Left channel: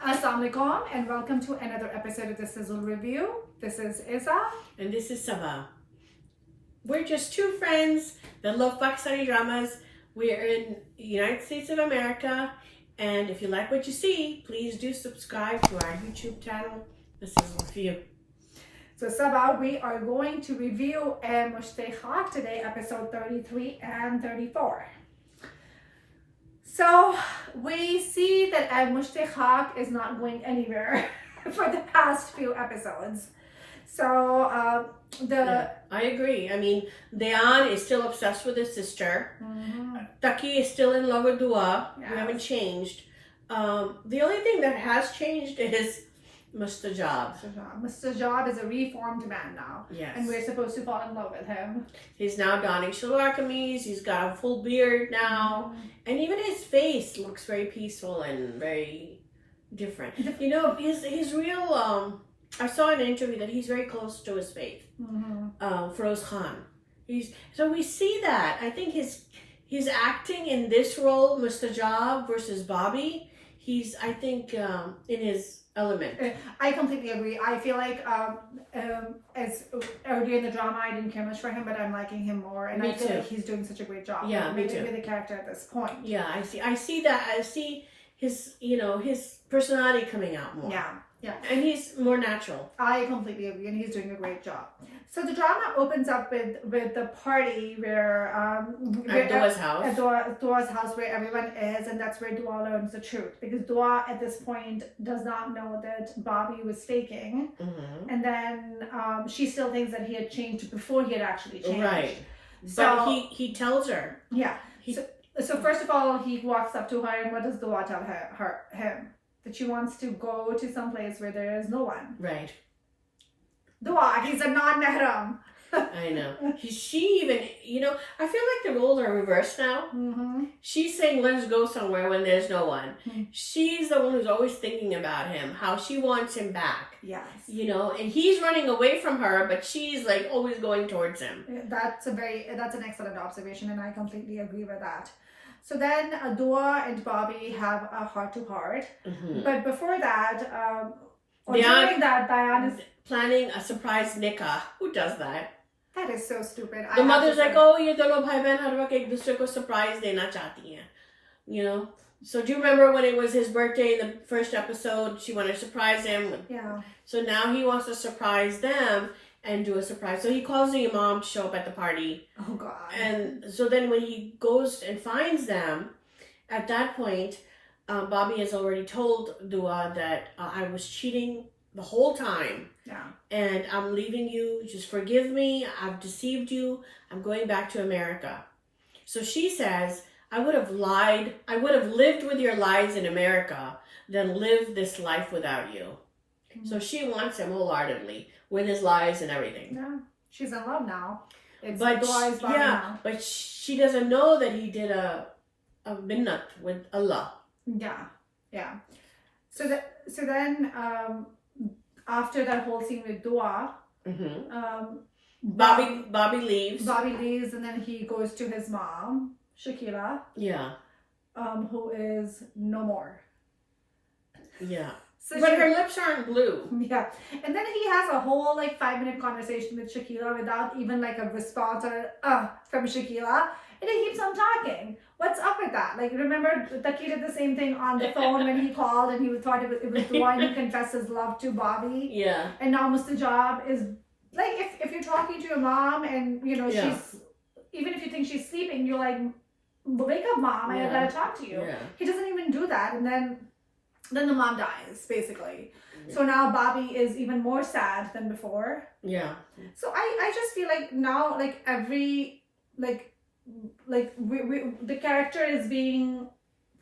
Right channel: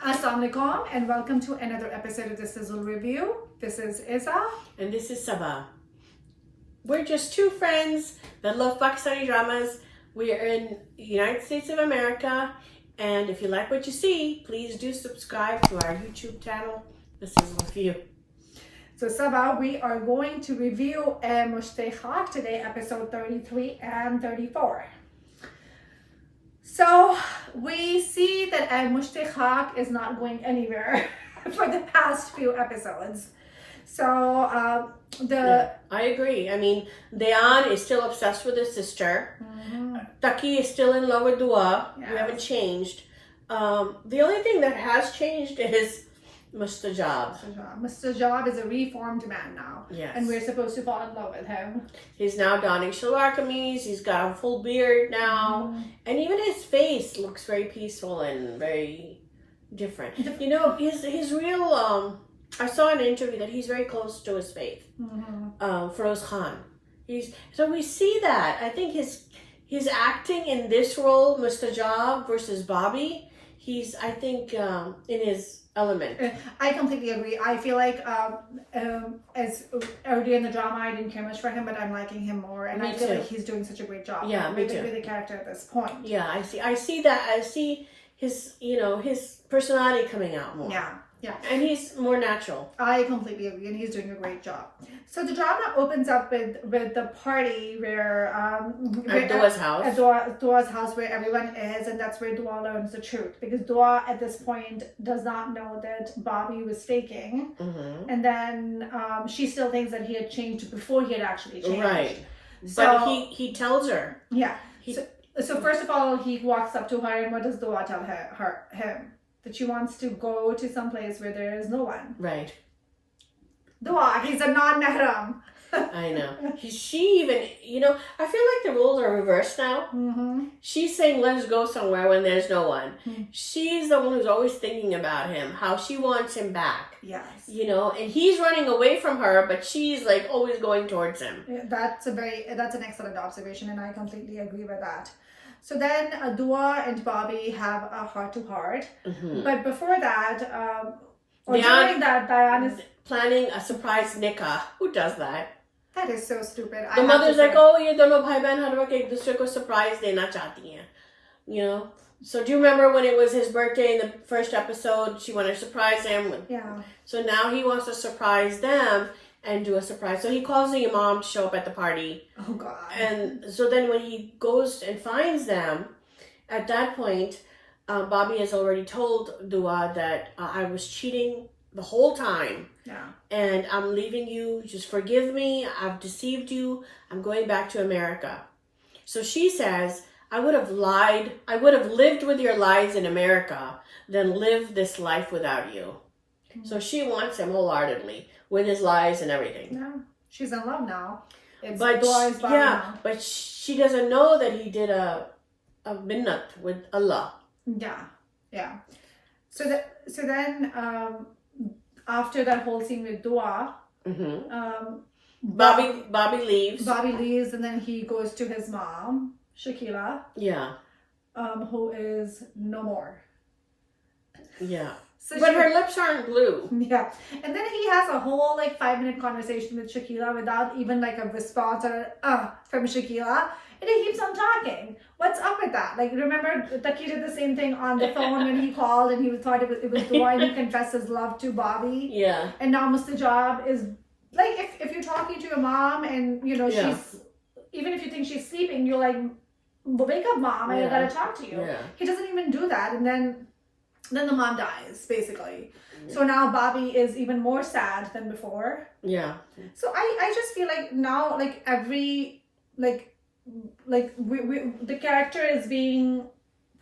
Assalamu alaikum and welcome to another episode of the Sizzle Review. This is Isa. And this is Sabah. We're just two friends that love Pakistani dramas. We are in the United States of America. And if you like what you see, please do subscribe to our YouTube channel, The Sizzle Review. So Sabah, we are going to review Mushte Khaak today, episode 33 and 34. So we see that Mushte Khaak is not going anywhere for the past few episodes. So I agree. I mean, Dayan is still obsessed with his sister. Taqi is still in love with Dua. Yes. We haven't changed. The only thing that has changed is Mustajab. Mustajab is a reformed man now. Yes. And we're supposed to fall in love with him. He's now donning shalwar kameez. He's got a full beard now. And even his face looks very peaceful and very different. You know, his real... I saw in an interview that he's very close to his faith. Feroze Khan. So we see that. I think he's acting in this role, Mustajab versus Bobby. He's, I think, in his element. I completely agree. I feel like as earlier in the drama, I didn't care much for him, but I'm liking him more, and I feel like he's doing such a great job. Yeah, with the character at this point. Yeah, I see that. I see his, his personality coming out more. Yeah, and he's more natural. I completely agree, and he's doing a great job. So the drama opens up with the party where at Dua's house. At Dua's house, where everyone is, and that's where Dua learns the truth, because Dua at this point does not know that Bobby was faking, and then she still thinks that he had changed before he had actually changed. Right. So but he tells her. Yeah. So first of all, he walks up to her, and what does Dua tell him? That she wants to go to some place where there is no one. Right. Dua, he's a non-mahram. I know. She even, I feel like the roles are reversed now. She's saying, let's go somewhere when there's no one. She's the one who's always thinking about him, how she wants him back. Yes. And he's running away from her, but she's like always going towards him. That's an excellent observation, and I completely agree with that. So then Dua and Bobby have a heart-to-heart. But before that, during that, Dayan is planning a surprise nikah. Who does that? That is so stupid. The mother's like, oh, ye dono bhai behan har waqt ek dusre ko surprise dena chahti hain. So do you remember when it was his birthday in the first episode? She wanted to surprise him. Yeah. So now he wants to surprise them and do a surprise. So he calls the imam to show up at the party. Oh, God. And so then when he goes and finds them, at that point, Bobby has already told Dua that I was cheating the whole time. Yeah. And I'm leaving you. Just forgive me. I've deceived you. I'm going back to America. So she says, I would have lied. I would have lived with your lies in America than live this life without you. So she wants him wholeheartedly with his lies and everything. Yeah. She's in love now. But now. But she doesn't know that he did a minnat with Allah. Yeah. So then after that whole scene with Dua, Bobby leaves. Bobby leaves, and then he goes to his mom, Shakila. Yeah. Who is no more. Yeah. But her lips aren't blue. Yeah. And then he has a whole 5-minute conversation with Shakila without even a response or from Shakila. And he keeps on talking. What's up with that? Remember, Taqi did the same thing on the phone when he called and he thought it was Dua and he confessed his love to Bobby. Yeah. And now Mustajab is if you're talking to your mom and she's, even if you think she's sleeping, you're like, wake up, mom, I gotta talk to you. Yeah. He doesn't even do that, and then the mom dies, basically. Yeah. So now Bobby is even more sad than before. Yeah. So I just feel like now every the character is being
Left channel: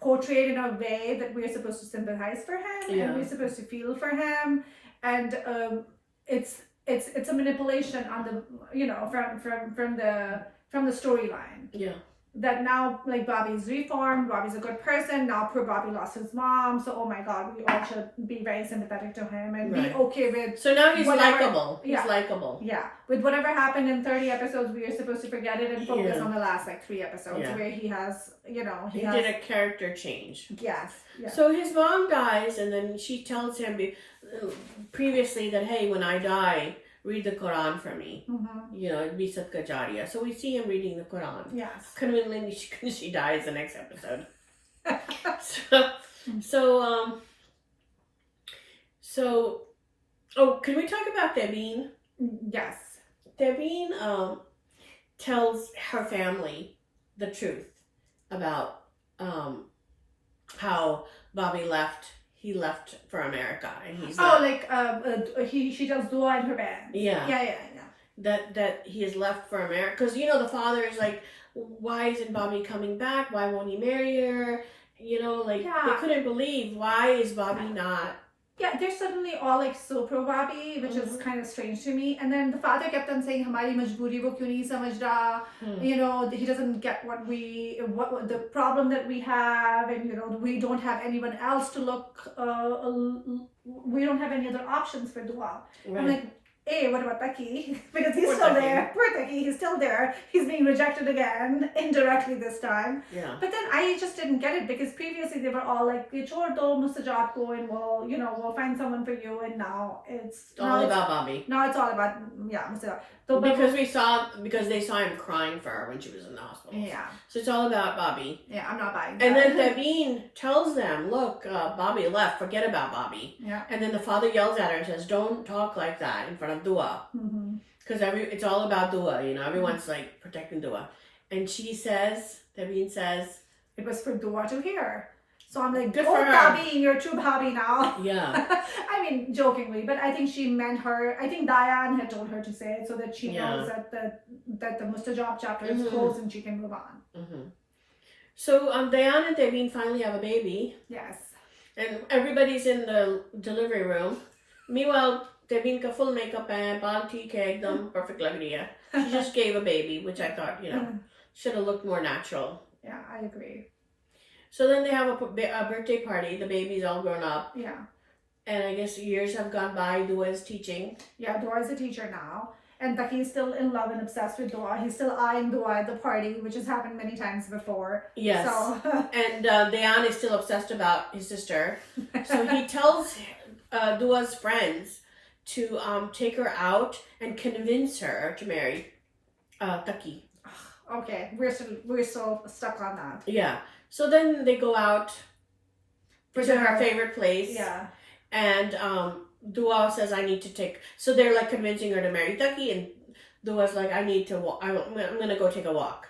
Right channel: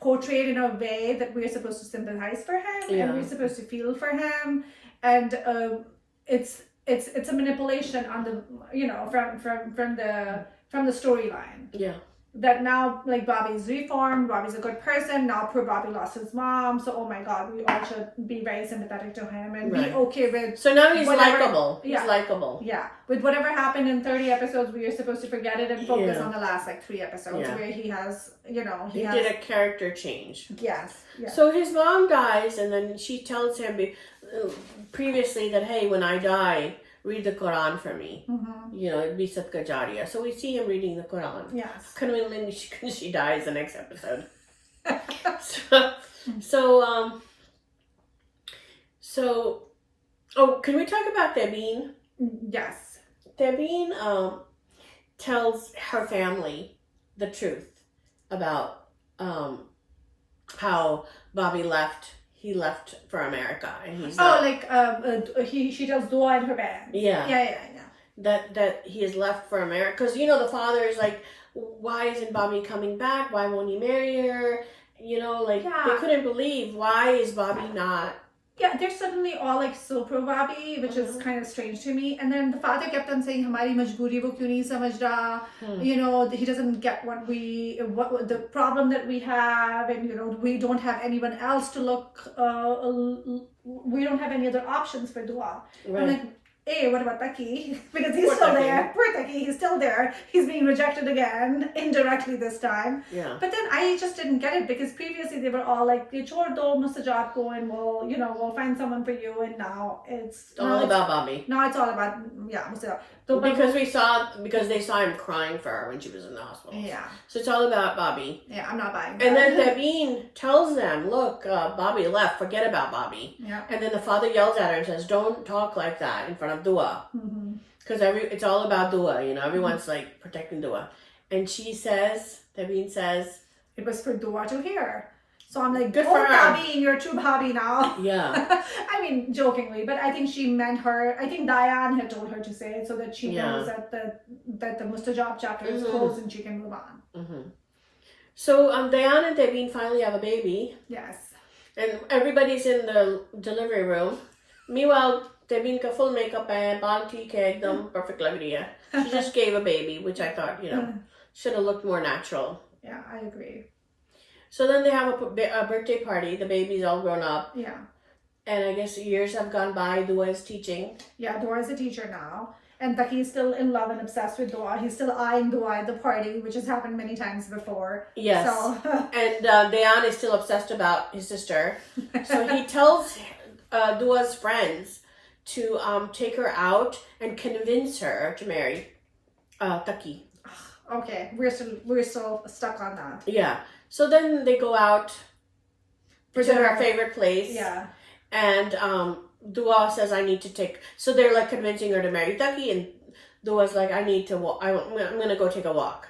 portrayed in a way that we're supposed to sympathize for him and we're supposed to feel for him, and it's a manipulation on the from the storyline. Yeah. that now like Bobby's reformed, Bobby's a good person. Now poor Bobby lost his mom, so oh my God, we all should be very sympathetic to him and be okay with. So now he's likable. He's likable. Yeah, with whatever happened in 30 episodes, we are supposed to forget it and focus on the last like 3 episodes where he has, you know, he did a character change. Yes. So his mom dies, and then she tells him previously that, hey, when I die, read the Quran for me. You know, it'd be Sadqa Jariya. So we see him reading the Quran. Yes. Conveniently, she dies the next episode. Can we talk about Debeen? Yes. Debeen tells her family the truth about how Bobby left. He left for America, and he's she does dua in her bed. Yeah. That he has left for America, because you know the father is like, why isn't Bobby coming back? Why won't he marry her? You know, like they couldn't believe, why is Bobby not? Yeah, they're suddenly all like so pro Bobby, which is kind of strange to me. And then the father kept on saying, "Hamari majboori wo kyun nahi samajh raha?" You know, he doesn't get what the problem that we have, and you know, we don't have anyone else to look. We don't have any other options for dua. Right. I'm like, hey, what about Taqi? Because he's still there. Poor Taqi, he's still there. He's being rejected again, indirectly this time. Yeah. But then I just didn't get it, because previously they were all like, chhod do Mustajab ko, and we'll find someone for you. And now it's all about Bobby. Now it's all about Mustajab. Because they saw him crying for her when she was in the hospital. Yeah. So it's all about Bobby. Yeah, I'm not buying that. And then Debeen tells them, look, Bobby left, forget about Bobby. Yeah. And then the father yells at her and says, don't talk like that in front of dua. Because it's all about dua, you know, everyone's like protecting dua. And Debeen says, it was for dua to hear. So I'm like, good for Bobby, you're a true Bobby now. Yeah. I mean, jokingly, but I think she meant her. I think Diane had told her to say it so that she knows that the Mustajab chapter is closed and she can move on. So Diane and Debeen finally have a baby. Yes. And everybody's in the delivery room. Meanwhile, Debeen ka full makeup and baal theek hai, ekdam perfect lag rahi hai. She just gave a baby, which I thought, you know, should have looked more natural. Yeah, I agree. So then they have a birthday party. The baby's all grown up. Yeah. And I guess years have gone by. Dua is teaching. Yeah, Dua is a teacher now. And Taqi is still in love and obsessed with Dua. He's still eyeing Dua at the party, which has happened many times before. Yes. So. And Dayan is still obsessed about his sister. So he tells Dua's friends to take her out and convince her to marry Taqi. Okay, we're still stuck on that. Yeah. So then they go out to her favorite place. Yeah. And Dua says, I need to take... So they're like convincing her to marry Taqi, and Dua's like, I need to walk. I'm going to go take a walk.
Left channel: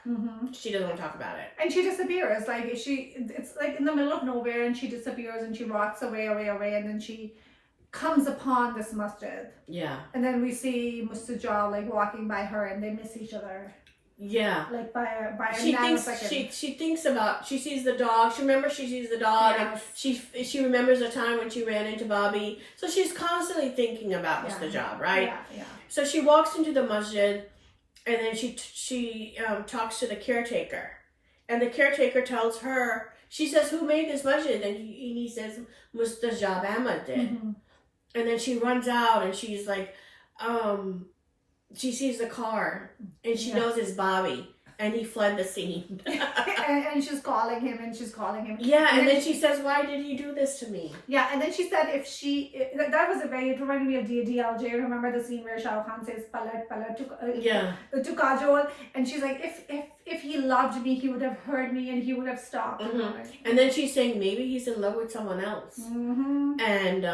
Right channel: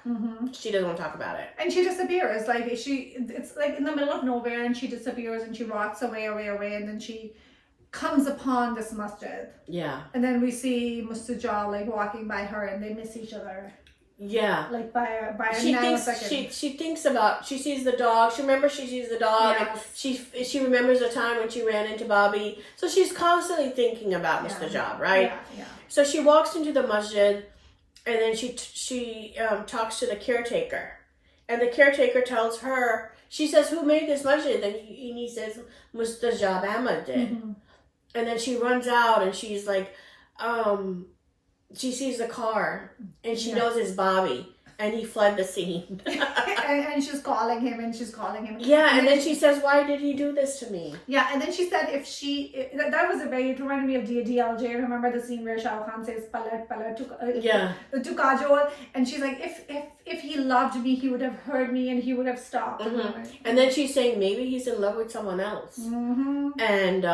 She doesn't want to talk about it. And she disappears. Like it's like in the middle of nowhere, and she disappears and she walks away, and then she comes upon this masjid. Yeah. And then we see Mustajab like walking by her, and they miss each other. Yeah. Like by a nanosecond. She thinks about, she sees the dog. She sees the dog. Yes. And she remembers the time when she ran into Bobby. So she's constantly thinking about Mustajab, right? Yeah. So she walks into the masjid, and then she talks to the caretaker. And the caretaker tells her, she says, who made this masjid? And he says, Mustajab Ahmad did. And then she runs out, and she's like, she sees the car, and she knows it's Bobby, and he fled the scene. and she's calling him. Yeah, and then she says, why did he do this to me? Yeah, and then she said that was it reminded me of DLJ. Remember the scene where Shah Rukh Khan says, Palat to Kajol, and she's like, if he loved me, he would have heard me, and he would have stopped. And then she's saying, maybe he's in love with someone else. And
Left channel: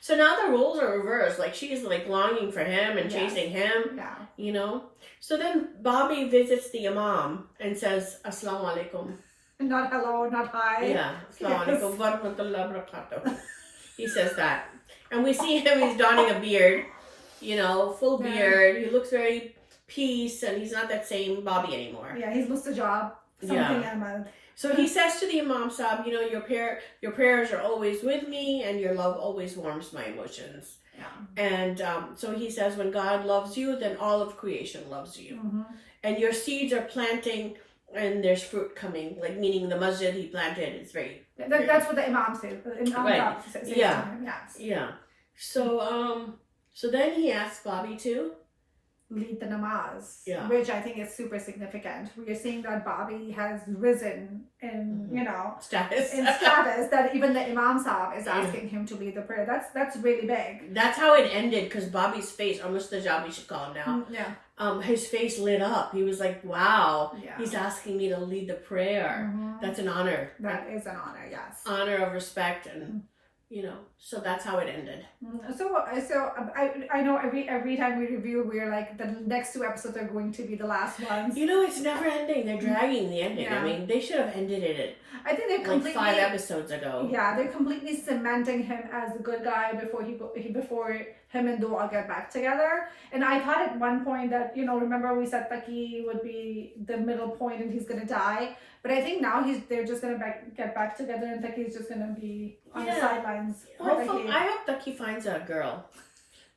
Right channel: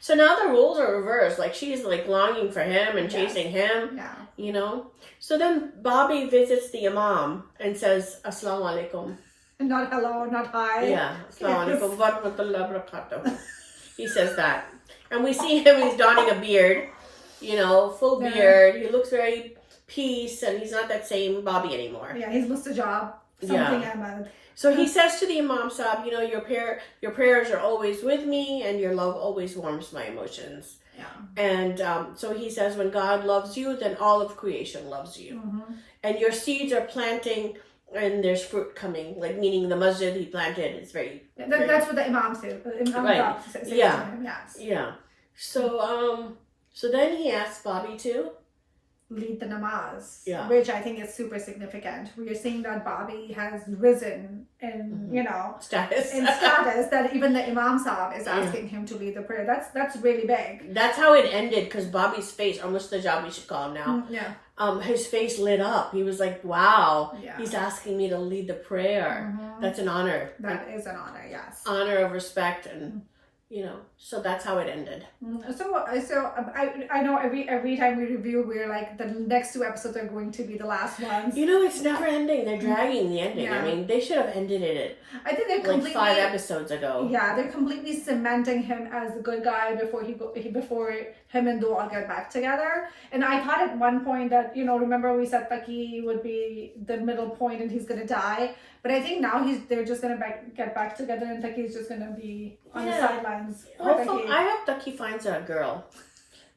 so now the roles are reversed. Like, she's like longing for him and chasing him, you know? So then Bobby visits the Imam and says, Assalamu alaikum. Not hello, not hi. Yeah, Assalamu alaikum wa rahmatullahi wa barakatuh. He says that. And we see him, he's donning a beard, you know, full beard. He looks very peace, and he's not that same Bobby anymore. Yeah, he's Mustajab. Ahmad. So he says to the Imam Sahib, you know, your prayers are always with me, and your love always warms my emotions. Yeah. And so he says, when God loves you, then all of creation loves you. And your seeds are planting And there's fruit coming, like meaning the masjid he planted is very. That's what the imam says. Right. Says Yeah. to him, yes. Yeah. So then he asked Bobby to lead the namaz, yeah. which I think is super significant. We are seeing that Bobby has risen in, status that even the Imam Sahib is asking him to lead the prayer. That's really big. That's how it ended, because Bobby's face, or Mustajab we should call him now. Yeah. His face lit up. He was like, wow, yeah. He's asking me to lead the prayer. That's an honor. That is an honor, yes. Honor of respect and so that's how it ended. So I know every time we review, we're like, the next 2 episodes are going to be the last ones. It's never ending. They're dragging the ending. Yeah. I mean, they should have ended it. I think they're completely 5 episodes ago. Yeah, they're completely cementing him as the good guy before him and Dua get back together. And I thought at one point that remember we said Taqi would be the middle point and he's gonna die. But I think now they're just gonna get back together and Taqi's just gonna be on the sidelines. Hopefully, I hope Taqi finds a girl.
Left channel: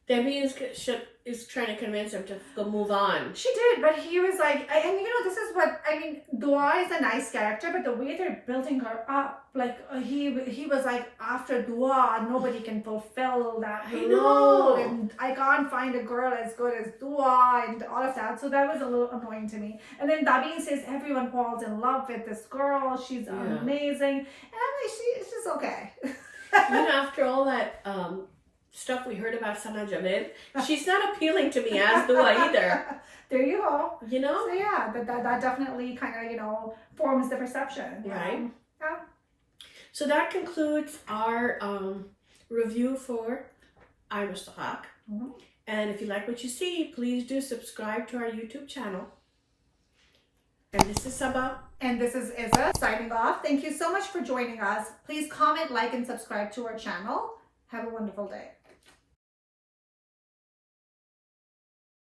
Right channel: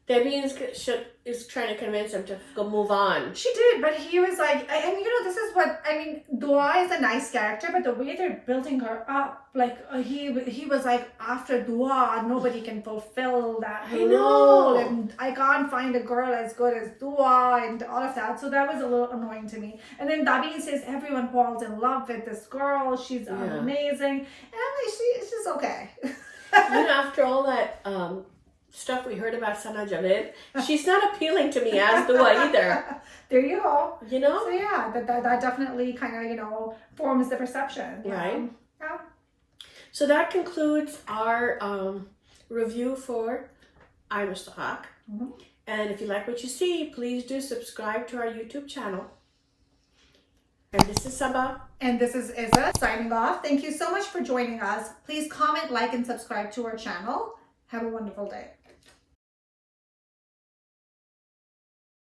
Debbie is trying to convince him to go move on. She did, but he was like, and this is what I mean. Dua is a nice character, but the way they're building her up, like he was like, after Dua, nobody can fulfill that role, and I can't find a girl as good as Dua, and all of that. So that was a little annoying to me. And then Dabi says everyone falls in love with this girl. She's amazing, and I'm like, she's just okay. After all that. Stuff we heard about Sana Javed, she's not appealing to me as Dua either. There you go. So yeah, that definitely kind of forms the perception. Right. Yeah. So that concludes our review for I Mr. Khaak. And if you like what you see, please do subscribe to our YouTube channel. And this is Sabah. And this is Izza signing off. Thank you so much for joining us. Please comment, like, and subscribe to our channel. Have a wonderful day.